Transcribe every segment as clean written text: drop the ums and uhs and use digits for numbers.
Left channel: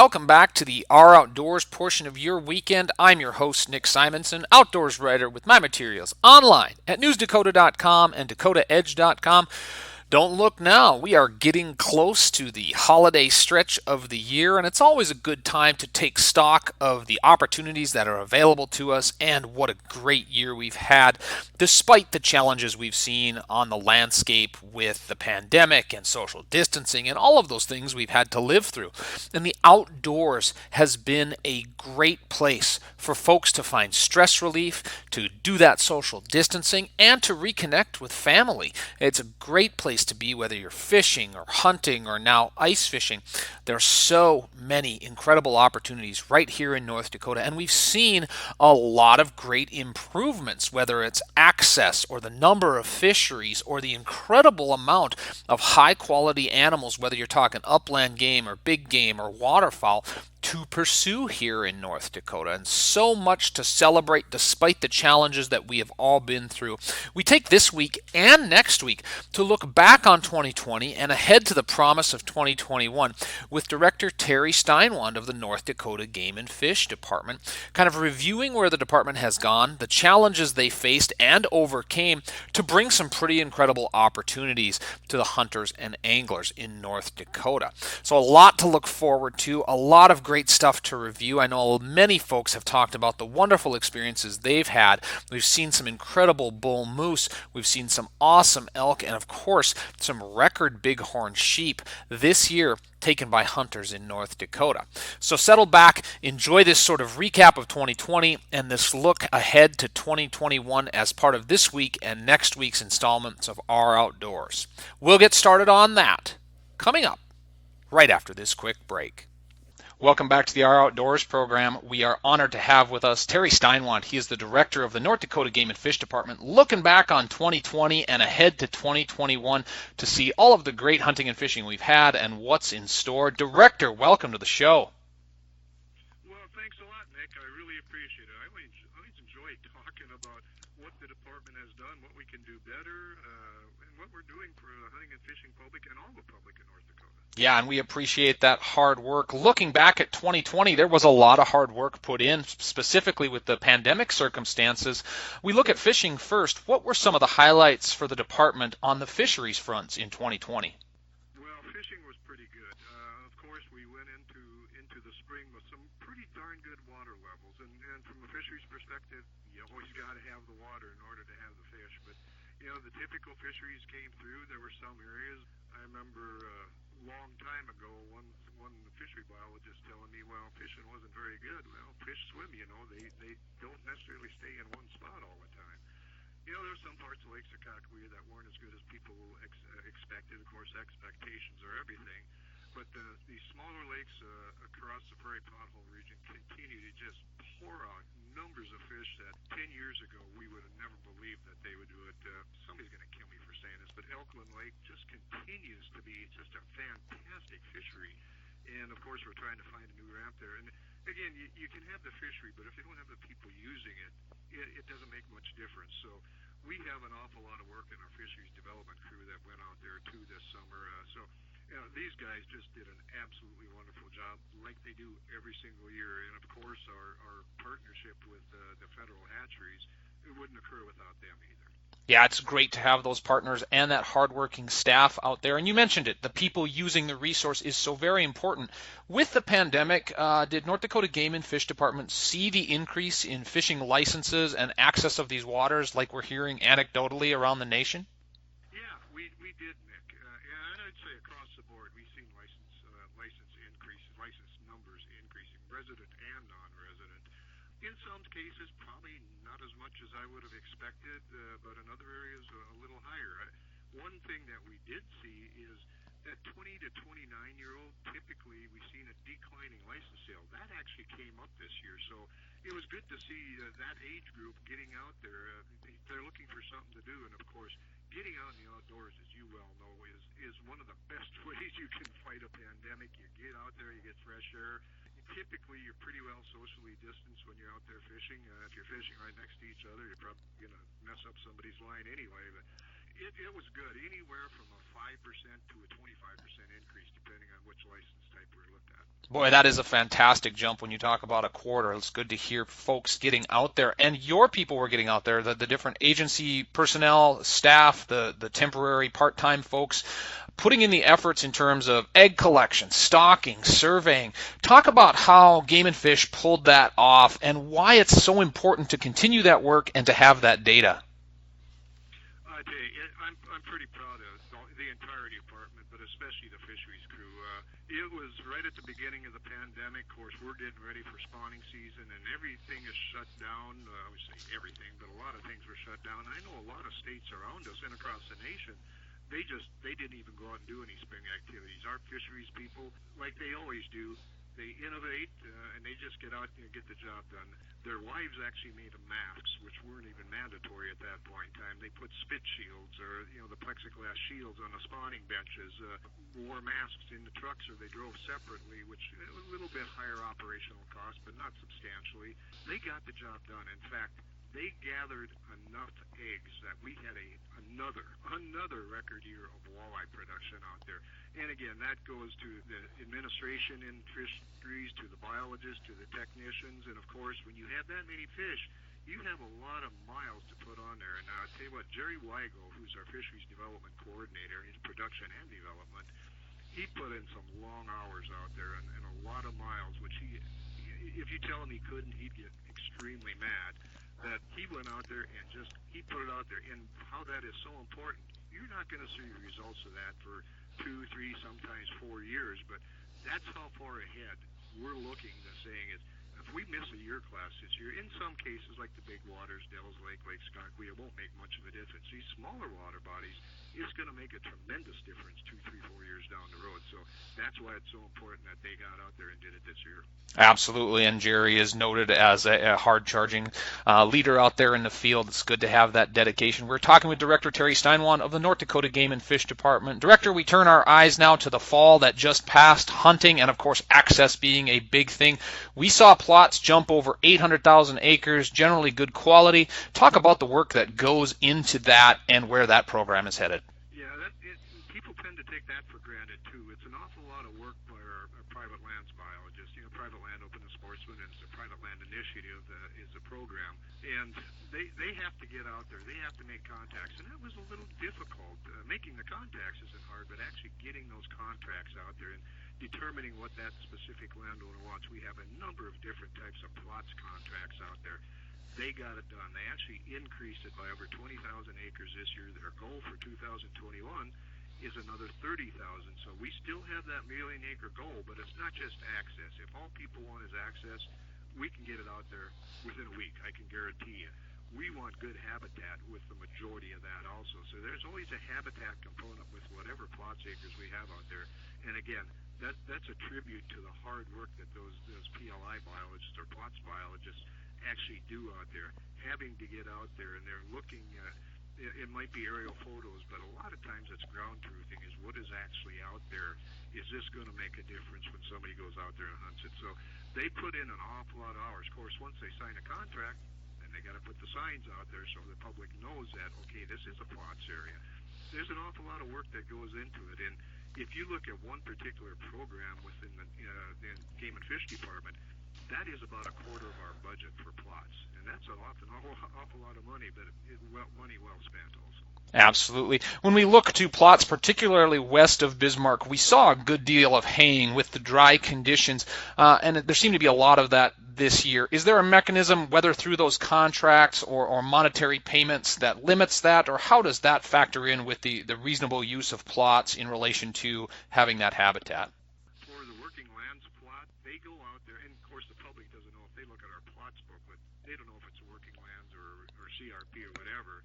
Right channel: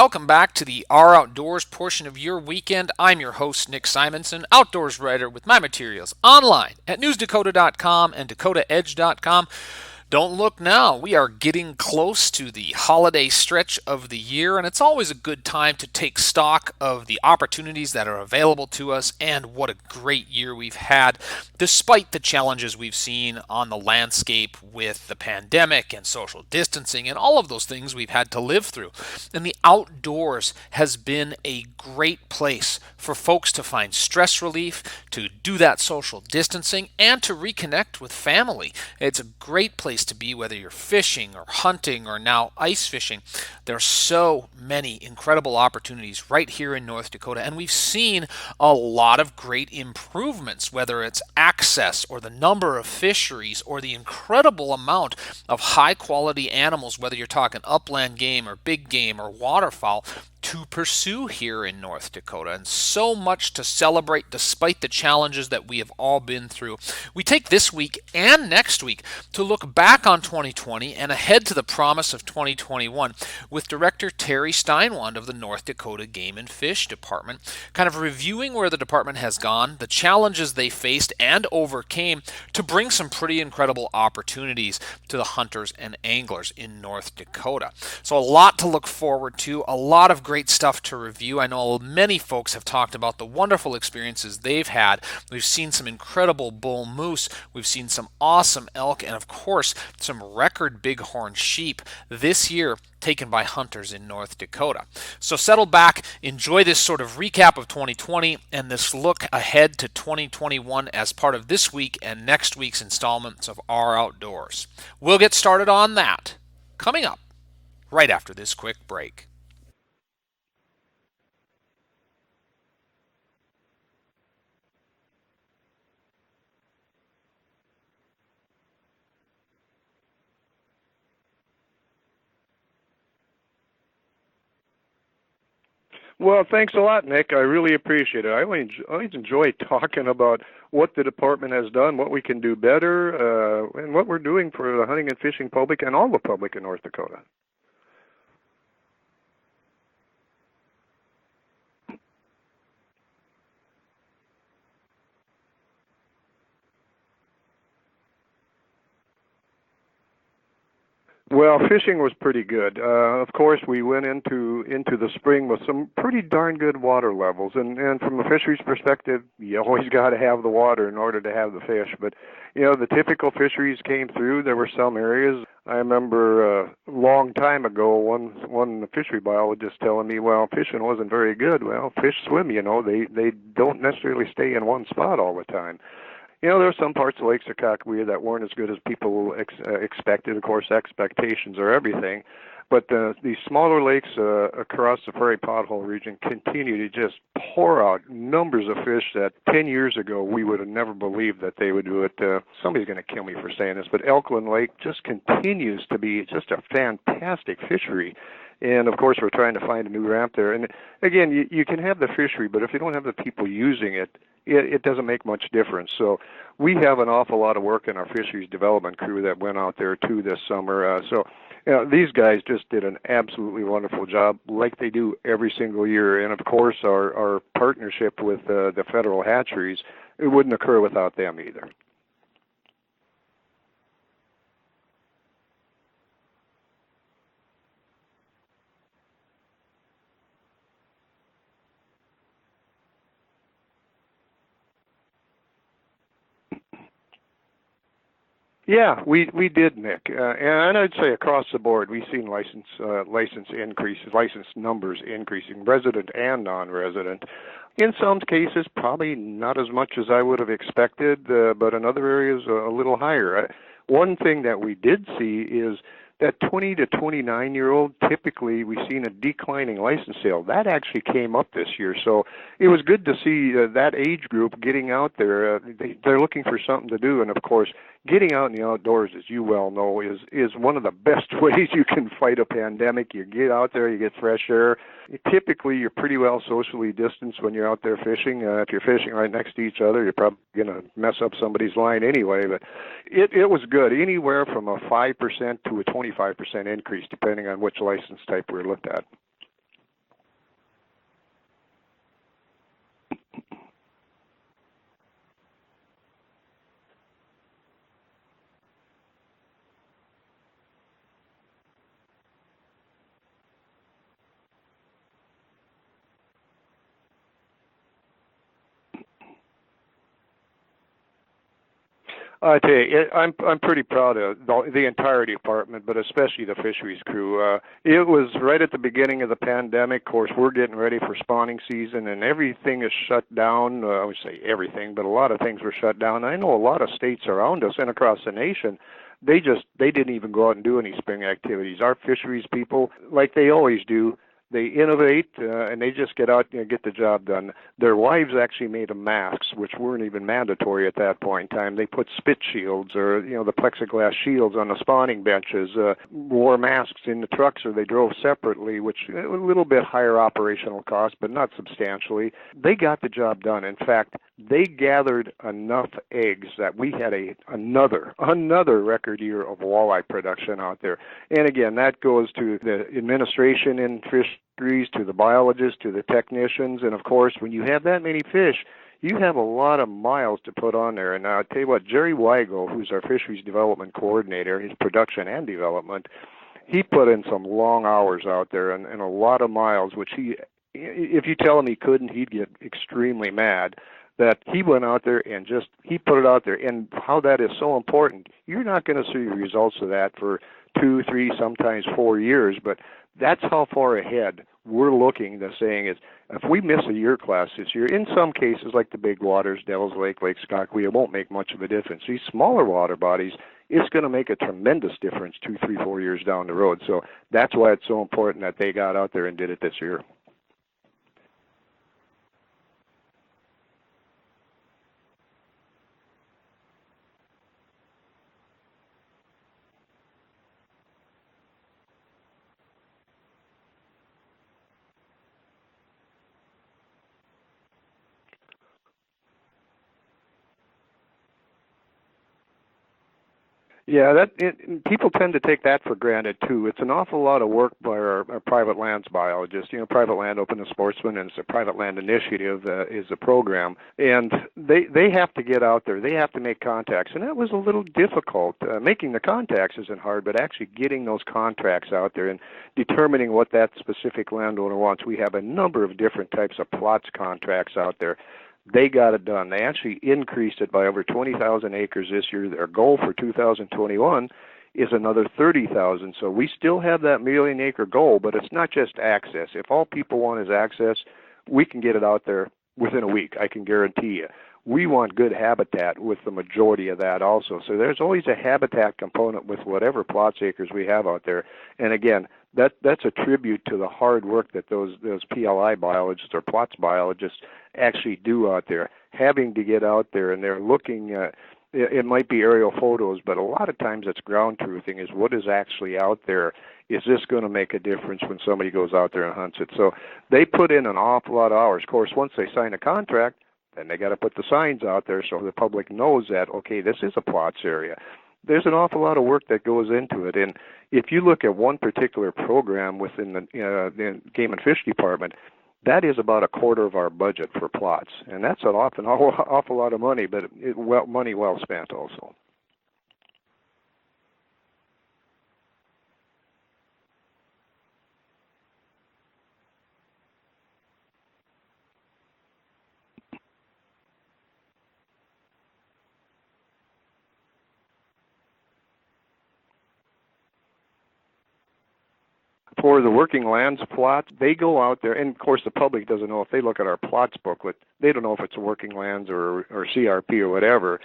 welcome back to the Our Outdoors portion of your weekend. I'm your host, Nick Simonson, outdoors writer with my materials online at newsdakota.com and dakotaedge.com. Don't look now. We are getting close to the holiday stretch of the year, and it's always a good time to take stock of the opportunities that are available to us and what a great year we've had, despite the challenges we've seen on the landscape with the pandemic and social distancing and all of those things we've had to live through. And the outdoors has been a great place for folks to find stress relief, to do that social distancing, and to reconnect with family. It's a great place to be, whether you're fishing or hunting or now ice fishing. There are so many incredible opportunities right here in North Dakota, and we've seen a lot of great improvements, whether it's access or the number of fisheries or the incredible amount of high quality animals, whether you're talking upland game or big game or waterfowl, to pursue here in North Dakota, and so much to celebrate despite the challenges that we have all been through. We take this week and next week to look back on 2020 and ahead to the promise of 2021 with Director Terry Steinwand of the North Dakota Game and Fish Department, kind of reviewing where the department has gone, the challenges they faced and overcame to bring some pretty incredible opportunities to the hunters and anglers in North Dakota. So a lot to look forward to, a lot of great stuff to review. I know many folks have talked about the wonderful experiences they've had. We've seen some incredible bull moose, we've seen some awesome elk, and of course some record bighorn sheep this year taken by hunters in North Dakota. So settle back, enjoy this sort of recap of 2020 and this look ahead to 2021 as part of this week and next week's installments of Our Outdoors. We'll get started on that coming up right after this quick break. Welcome back to the Our Outdoors program. We are honored to have with us Terry Steinwand. He is the director of the North Dakota Game and Fish Department, looking back on 2020 and ahead to 2021 to see all of the great hunting and fishing we've had and what's in store. Director, welcome to the show. Well, thanks a lot, Nick. I really appreciate it. I always enjoy talking about what the department has done, what we can do better, and what we're doing for the hunting and fishing public and all the public in North Dakota. Yeah, and we appreciate that hard work. Looking back at 2020, there was a lot of hard work put in, specifically with the pandemic circumstances. We look at fishing first. What were some of the highlights for the department on the fisheries fronts in 2020? Well, fishing was pretty good. Of course, we went into the spring with some pretty darn good water levels, and from a fisheries perspective, you always got to have the water in order to have the fish. But the typical fisheries came through. There were some areas. I remember a long time ago, one fishery biologist telling me, well, fishing wasn't very good. Well, fish swim. They don't necessarily stay in one spot all the time. There are some parts of Lake Sakakawea that weren't as good as people expected. Of course, expectations are everything. But these smaller lakes across the Prairie Pothole region continue to just pour out numbers of fish that 10 years ago we would have never believed that they would do it. Somebody's going to kill me for saying this, but Elkland Lake just continues to be just a fantastic fishery. And, of course, we're trying to find a new ramp there. And, again, you can have the fishery, but if you don't have the people using it, it doesn't make much difference. So we have an awful lot of work in our fisheries development crew that went out there, too, this summer. These guys just did an absolutely wonderful job, like they do every single year. And, of course, our partnership with the federal hatcheries, it wouldn't occur without them either. Yeah, it's great to have those partners and that hardworking staff out there. And you mentioned it, the people using the resource is so very important. With the pandemic, did North Dakota Game and Fish Department see the increase in fishing licenses and access of these waters like we're hearing anecdotally around the nation? Yeah, we did, Nick, and I'd say across the board we've seen license increases, license numbers increasing, resident and non-resident. In some cases, probably not as much as I would have expected, but in other areas a little higher. One thing that we did see is that 20 to 29-year-old, typically we've seen a declining license sale. That actually came up this year, so it was good to see that age group getting out there. They're looking for something to do, and of course, getting out in the outdoors, as you well know, is one of the best ways you can fight a pandemic. You get out there, you get fresh air. Typically, you're pretty well socially distanced when you're out there fishing. If you're fishing right next to each other, you're probably going to mess up somebody's line anyway. But it was good, anywhere from a 5% to a 25% increase, depending on which license type we looked at. Boy, that is a fantastic jump when you talk about a quarter. It's good to hear folks getting out there, and your people were getting out there, the different agency personnel, staff, the temporary part-time folks, putting in the efforts in terms of egg collection, stocking, surveying. Talk about how Game and Fish pulled that off and why it's so important to continue that work and to have that data. I tell you, I'm pretty proud of the entire department, but especially the fisheries crew. It was right at the beginning of the pandemic. Of course, we're getting ready for spawning season, and everything is shut down. I would say everything, but a lot of things were shut down. I know a lot of states around us and across the nation, they didn't even go out and do any spring activities. Our fisheries people, like they always do, they innovate and they just get out and get the job done. Their wives actually made them masks, which weren't even mandatory at that point in time. They put spit shields or the plexiglass shields on the spawning benches, wore masks in the trucks, or they drove separately, which a little bit higher operational cost, but not substantially. They got the job done. In fact, they gathered enough eggs that we had another record year of walleye production out there. And again, that goes to the administration in fisheries, to the biologists, to the technicians, and of course, when you have that many fish, you have a lot of miles to put on there. And I'll tell you what, Jerry Weigel, who's our fisheries development coordinator, his production and development, he put in some long hours out there and a lot of miles, which if you tell him he couldn't, he'd get extremely mad. That he went out there and he put it out there, and how that is so important. You're not going to see the results of that for 2, 3, sometimes 4 years, but that's how far ahead we're looking. The saying is, if we miss a year class this year, in some cases like the big waters, Devil's Lake, Lake Skagway, it won't make much of a difference. These smaller water bodies, it's going to make a tremendous difference 2, 3, 4 years down the road. So that's why it's so important that they got out there and did it this year. Absolutely, and Jerry is noted as a hard-charging leader out there in the field. It's good to have that dedication. We're talking with Director Terry Steinwand of the North Dakota Game and Fish Department. Director, we turn our eyes now to the fall that just passed, hunting, and of course access being a big thing. We saw plots jump over 800,000 acres, generally good quality. Talk about the work that goes into that and where that program is headed. Yeah, people tend to take that for granted too. It's an awful lot of work by our private lands biologists. Private Land Open to Sportsmen, and it's a private land initiative is a program, and they have to get out there. They have to make contacts, and that was a little difficult. Making the contacts isn't hard, but actually getting those contracts out there and determining what that specific landowner wants. We have a number of different types of plots contracts out there. They got it done. They actually increased it by over 20,000 acres this year. Their goal for 2021 is another 30,000. So we still have that million-acre goal, but it's not just access. If all people want is access, we can get it out there within a week, I can guarantee you. We want good habitat with the majority of that also. So there's always a habitat component with whatever plots acres we have out there. And again, that's a tribute to the hard work that those PLI biologists or plots biologists actually do out there, having to get out there, and they're looking at, it might be aerial photos, but a lot of times it's ground truthing, is what is actually out there. Is this going to make a difference when somebody goes out there and hunts it? So they put in an awful lot of hours. Of course, once they sign a contract, then they got to put the signs out there so the public knows that, okay, this is a plots area. There's an awful lot of work that goes into it, and if you look at one particular program within the Game and Fish Department, that is about a quarter of our budget for plots, and that's an awful lot of money, but money well spent also. Absolutely. When we look to plots, particularly west of Bismarck, we saw a good deal of haying with the dry conditions, and there seemed to be a lot of that this year. Is there a mechanism, whether through those contracts or monetary payments, that limits that, or how does that factor in with the reasonable use of plots in relation to having that habitat? For the working lands plots, they go out there, and of course the public doesn't know. If they look at our plots booklet, they don't know if it's a working lands or CRP or whatever,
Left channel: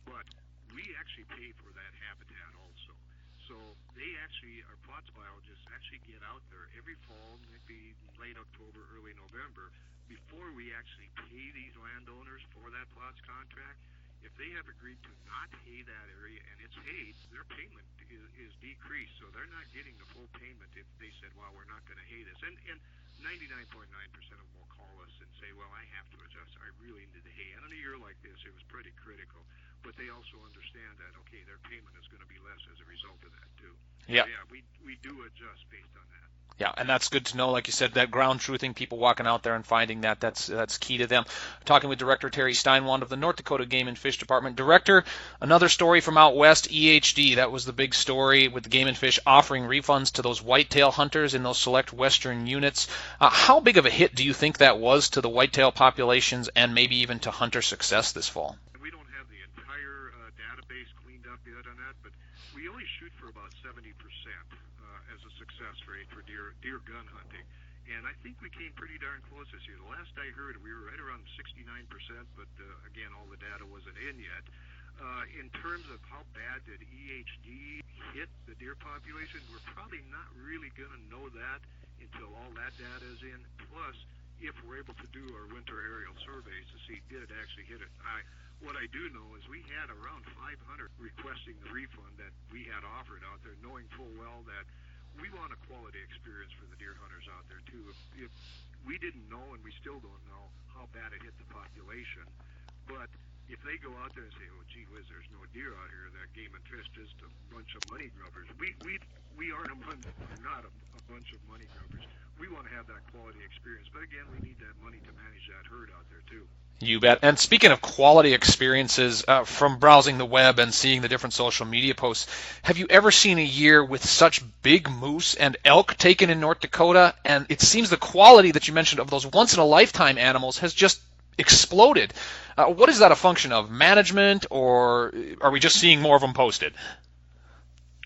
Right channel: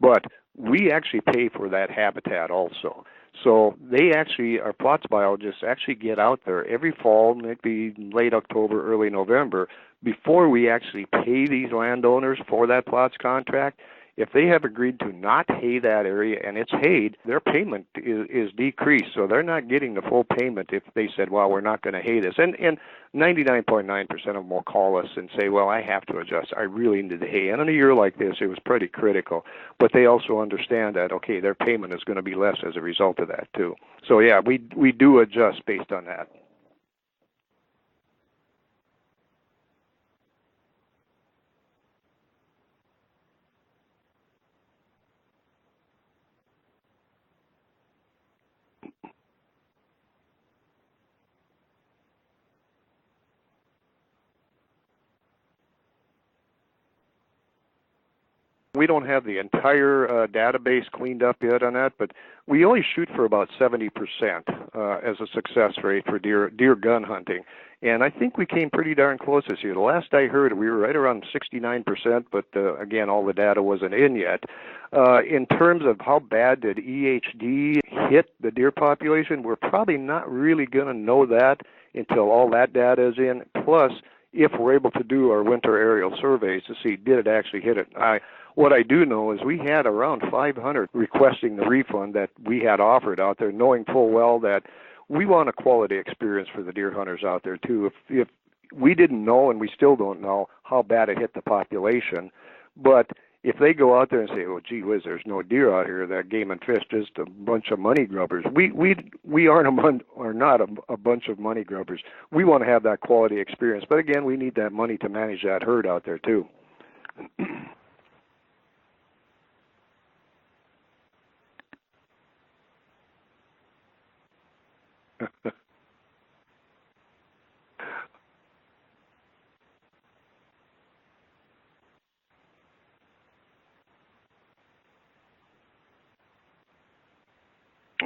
but we actually pay for that habitat also. So they actually, our plots biologists actually get out there every fall, maybe late October, early November, before we actually pay these landowners for that plots contract. If they have agreed to not hay that area and it's hayed, their payment is decreased. So they're not getting the full payment if they said, well, we're not going to hay this. And 99.9% of them will call us and say, well, I have to adjust. I really need the hay. And in a year like this, it was pretty critical. But they also understand that, okay, their payment is going to be less as a result of that, too. So, yeah, we do adjust based on that. Yeah, and that's good to know. Like you said, that ground truthing, people walking out there and finding that's key to them. Talking with Director Terry Steinwand of the North Dakota Game and Fish Department. Director, another story from out west, EHD. That was the big story with the Game and Fish offering refunds to those whitetail hunters in those select western units. How big of a hit do you think that was to the whitetail populations and maybe even to hunter success this fall? We don't have the entire database cleaned up yet on that, but we only shoot for about 70% as a success rate for deer gun hunting. And I think we came pretty darn close this year. The last I heard, we were right around 69%, but again, all the data wasn't in yet. In terms of how bad did EHD hit the deer population, we're probably not really going to know that until all that data is in. Plus, if we're able to do our winter aerial surveys to see did it actually hit it. What I do know is we had around 500 requesting the refund that we had offered out there, knowing full well that we want a quality experience for the deer hunters out there too. If we didn't know, and we still don't know, how bad it hit the population, but if they go out there and say, "Oh, gee whiz, there's no deer out here. That Game and Fish just a bunch of money grubbers," we are not a bunch of money grubbers. We want to have that quality experience, but again, we need that money to manage that herd out there too. You bet. And speaking of quality experiences, from browsing the web and seeing the different social media posts, have you ever seen a year with such big moose and elk taken in North Dakota? And it seems the quality that you mentioned of those once-in-a-lifetime animals has just exploded. What is that a function of? Management, or are we just seeing more of them posted?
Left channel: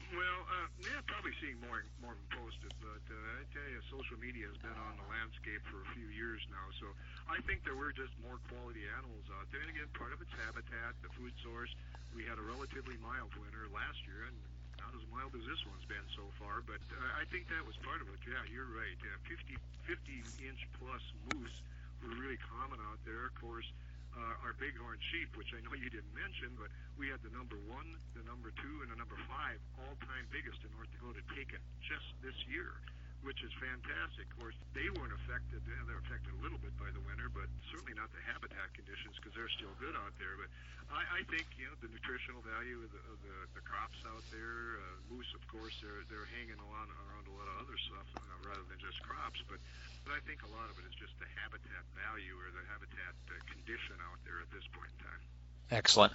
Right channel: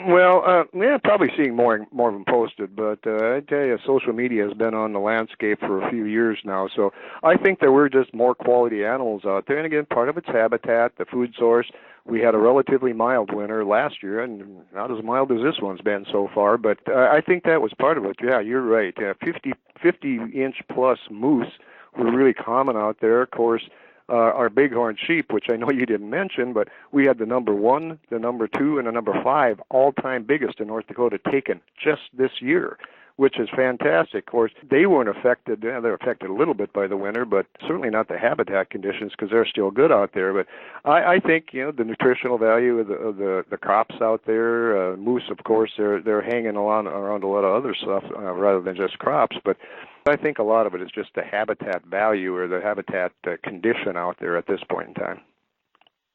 Well, yeah, probably seeing more of them posted, but I tell you, social media has been on the landscape for a few years now, so I think there were just more quality animals out there, and again, part of it's habitat, the food source. We had a relatively mild winter last year, and not as mild as this one's been so far, but I think that was part of it. Yeah, you're right. 50-inch plus moose were really common out there. Of course, our bighorn sheep, which I know you didn't mention, but we had the number 1, the number 2, and the number 5 all-time biggest in North Dakota taken just this year, which is fantastic. Of course, they weren't affected. They're affected a little bit by the winter, but certainly not the habitat conditions because they're still good out there. But I think the nutritional value of the crops out there, moose, of course, they're hanging around a lot of other stuff rather than just crops, but I think a lot of it is just the habitat value or the habitat condition out there at this point in time. Excellent.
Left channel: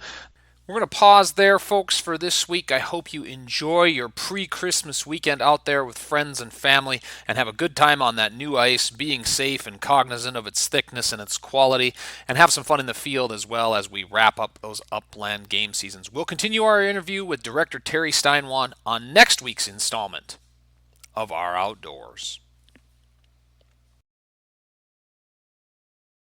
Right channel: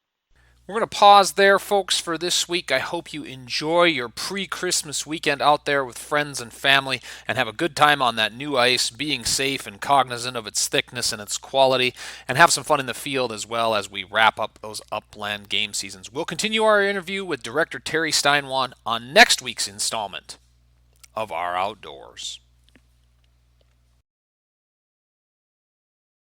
We're going to pause there, folks, for this week. I hope you enjoy your pre-Christmas weekend out there with friends and family and have a good time on that new ice, being safe and cognizant of its thickness and its quality, and have some fun in the field as well as we wrap up those upland game seasons. We'll continue our interview with Director Terry Steinwand on next week's installment of Our Outdoors.